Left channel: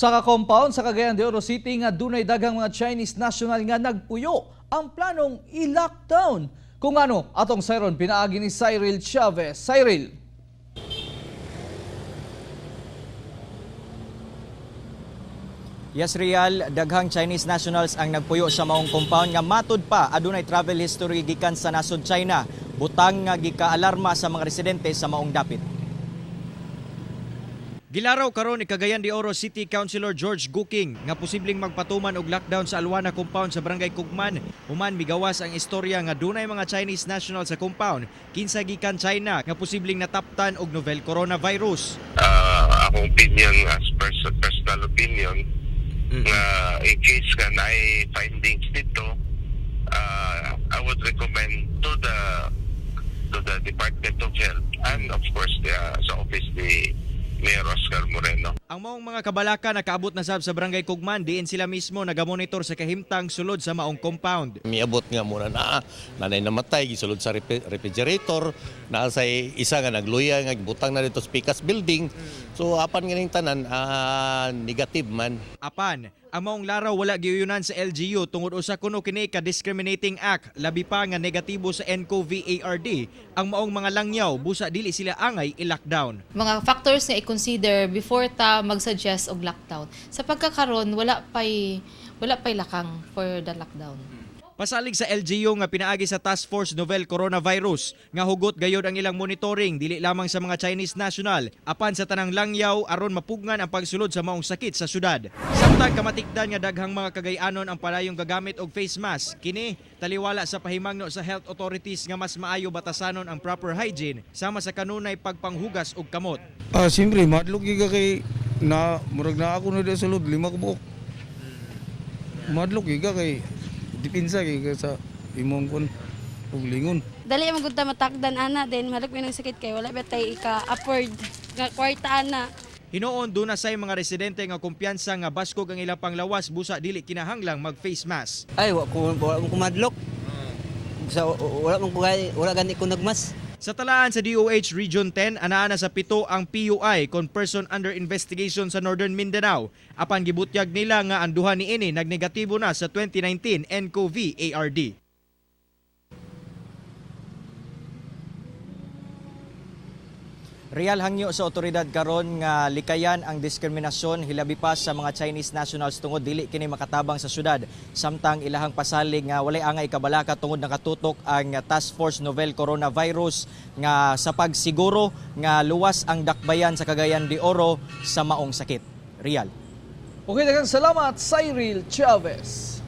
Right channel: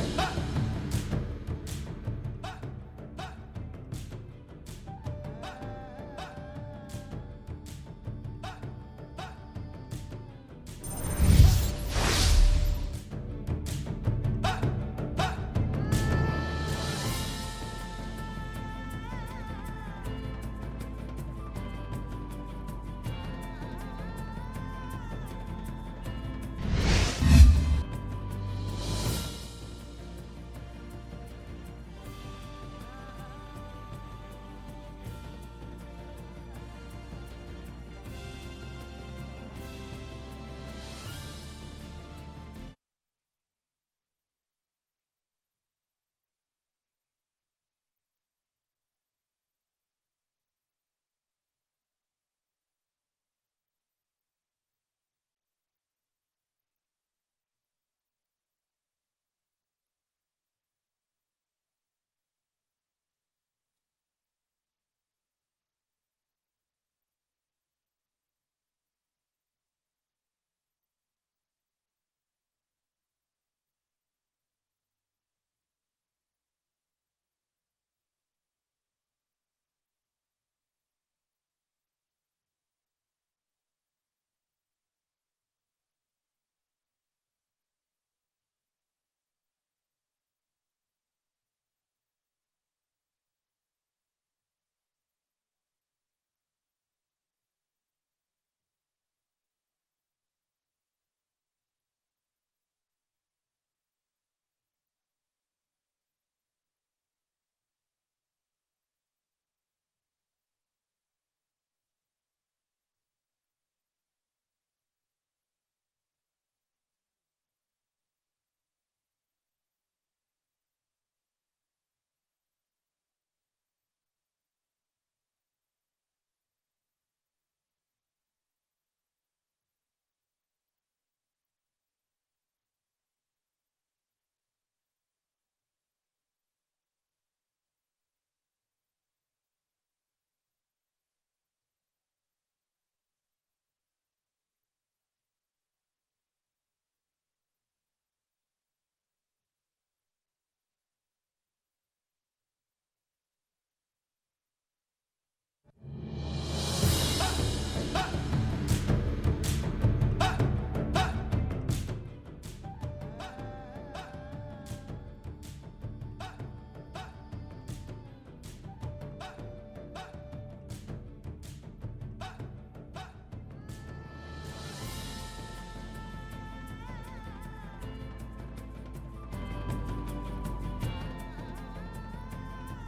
Usa ka compound sa Cagayan de Oro City nga dunay daghang mga Chinese national nga nagpuyo ang planong i-lockdown. Kung ano, atong sayron pinaagi ni Cyril Chavez. Cyril. Yes, Real, daghang Chinese nationals ang nagpuyo sa maong compound nga matud pa adunay travel history gikan sa nasod China. Butang nga gika-alarma sa mga residente sa maong dapit. Gilaraw karon ni Cagayan de Oro City Councilor George Guking nga posibleng magpatuman og lockdown sa Alwana compound sa Barangay Kugman. Human migawas ang istorya nga dunay mga Chinese national sa compound kinsa gikan China nga posibleng nataptan og novel coronavirus. Akong opinion as personal opinion nga in case ka na findings dito, I would recommend to the Department of Health and of course sa office ni Mayor Oscar Moreno. Ang maong mga kabalaka nakaabot na sab sa Barangay Kugman diin sila mismo nagamonitor sa kahimtang sulod sa maong compound. Miabot nga muna nanay namatay gisulod sa refrigerator, naa sa isa nga nagluya nga butang na dito sa Picas building. So apan ganing tanan negative man. Apan, ang maong laraw wala giuyunan sa LGU tungod usa kuno kini ka discriminating act, labi pa nga negatibo sa NCOV-ARD. Ang maong mga langyaw busa dili sila angay i-lockdown. Mga factors nga i-consider before ta mag-suggest og lockdown. Sa pagkakaron wala pay lakang for the lockdown. Pasalig sa LGU nga pinaagi sa Task Force Novel Coronavirus nga hugot gayod ang ilang monitoring dili lamang sa mga Chinese national apan sa tanang langyaw aron mapugnan ang pagsulod sa maong sakit sa syudad. Samtang kamatikdan nga daghang mga Cagayanon ang palayong gagamit og face mask, kini taliwala sa pahimangno sa health authorities nga mas maayo batasanon ang proper hygiene sama sa kanunay pagpanghugas og kamot. Siyempre, madlog giga kay na murag na ako na sa sulod 5 ka buok. Madlog giga kay dipinsa kay sa imong kon ug lingon. Dali man gud ta matakdan ana then malak may sakit kay wala ba tay ika-afford nga kwarta ana. Hinoon duna say mga residente nga kumpiyansa nga baskog ang ilang panglawas busa dili kinahanglang mag face mask. Ay, wala ko madlok. Wala gani ko nagmas. Sa talaan sa DOH Region 10, anaa na sa 7 ang PUI kon person under investigation sa Northern Mindanao. Apan gibutyag nila nga ang duha niini nagnegatibo na sa 2019 NCOV-ARD. Real hangyo sa otoridad karon nga likayan ang diskriminasyon hilabi pa sa mga Chinese nationals tungod dili kini makatabang sa syudad. Samtang ilahang pasalig nga walay angay kabalaka tungod nakatutok ang Task Force Novel Coronavirus nga sa pagsiguro nga luwas ang dakbayan sa Cagayan de Oro sa maong sakit. Real. Okay, daghang salamat Cyril Chavez.